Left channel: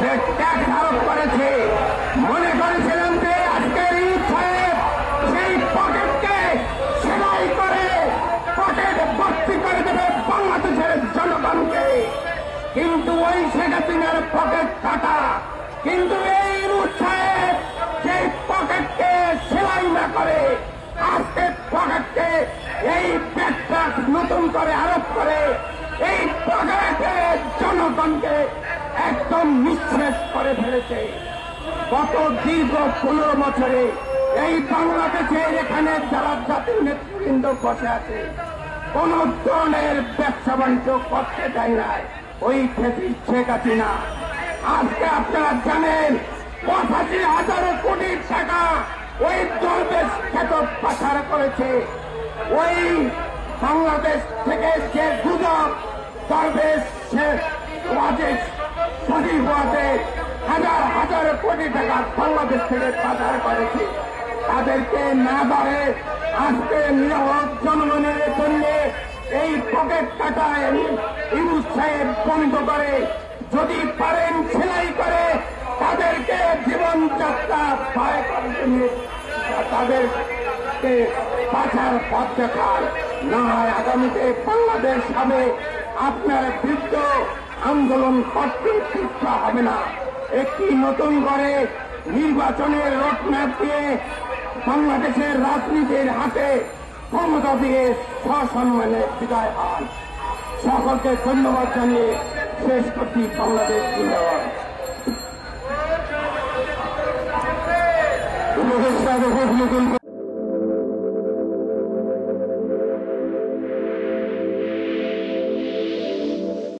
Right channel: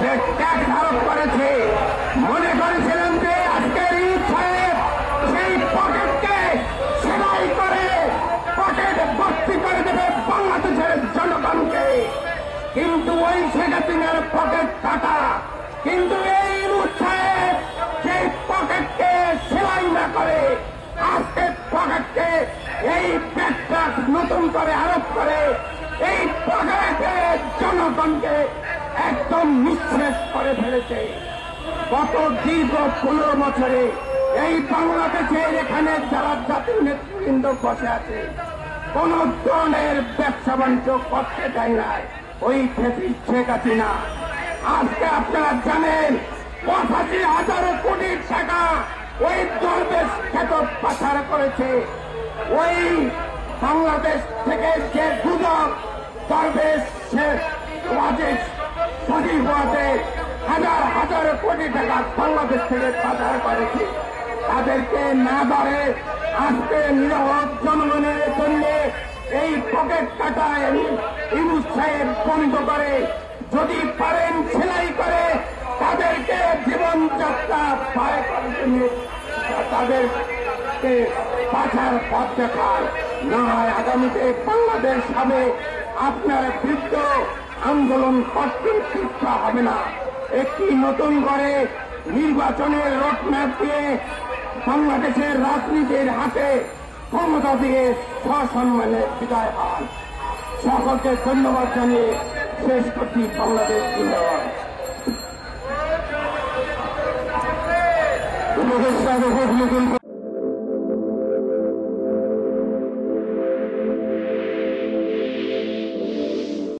যে ট্যাক্স আরোপ করেছে, মনে করেছিলাম যে আজকের ইউথ সাহেব সেই পকেটকে সেলাই করে পকেট ভর্তি করে দেবে বাংলাদেশের জনগণকে, কিন্তু ওই শেখ হাসিনার পকেট কাটা। কিন্তু এই ইউথ সাহেব সেই পকেটকে সেলাই না করে আজকে পকেটকে এই ট্যাক্সটা নতুন করে আরোপ করে এই পকেটের জনগণকে একদম নিঃশেষ করে ফেলেছে। গত দীর্ঘ 15 বছরে এই বাংলাদেশের এখানে যারা জাতির নেতৃবৃন্দ বসে আছে কোন ধরনের ব্যবসা বাণিজ্য করতে দেয় না ওই শেখ হাসিনা। আজকে আপনারা জানেন 85,000 কোটি টাকা ওই দলবেশ খেতক পাচার করেছে। ওই বাংলাদেশ থেকে যে দুদক দলবেশ রাজেশ সজীব রাজে হাজার হাজার কোটি টাকা বাংলাদেশ থেকে পাচার করেছে, তাদেরকে না ধরে আজকে নিরাপদ জনগণের জন্য এই পকেট কাটায় ইউনুস সাহেব বন্ধ করে, যদি পারেন সেলাই করে তাদেরকে জীবনযাত্রা পার করার জন্য তাদেরকে পাচার পথ দেখার না হয় আগামীতে বাংলাদেশ হবে আপনার বৃদ্ধ আন্দোলন করতে শিক্ষা হবে না। একটি নতুন করে নির্বাচনের রোডম্যাপ দিয়ে বাংলাদেশের রাজনীতির হাতে ক্ষমতা দিয়ে সসম্মানে বিদায় পান। সকলকে ধন্যবাদ জানিয়ে শেষ করছি। বাংলাদেশ জিন্দাবাদ।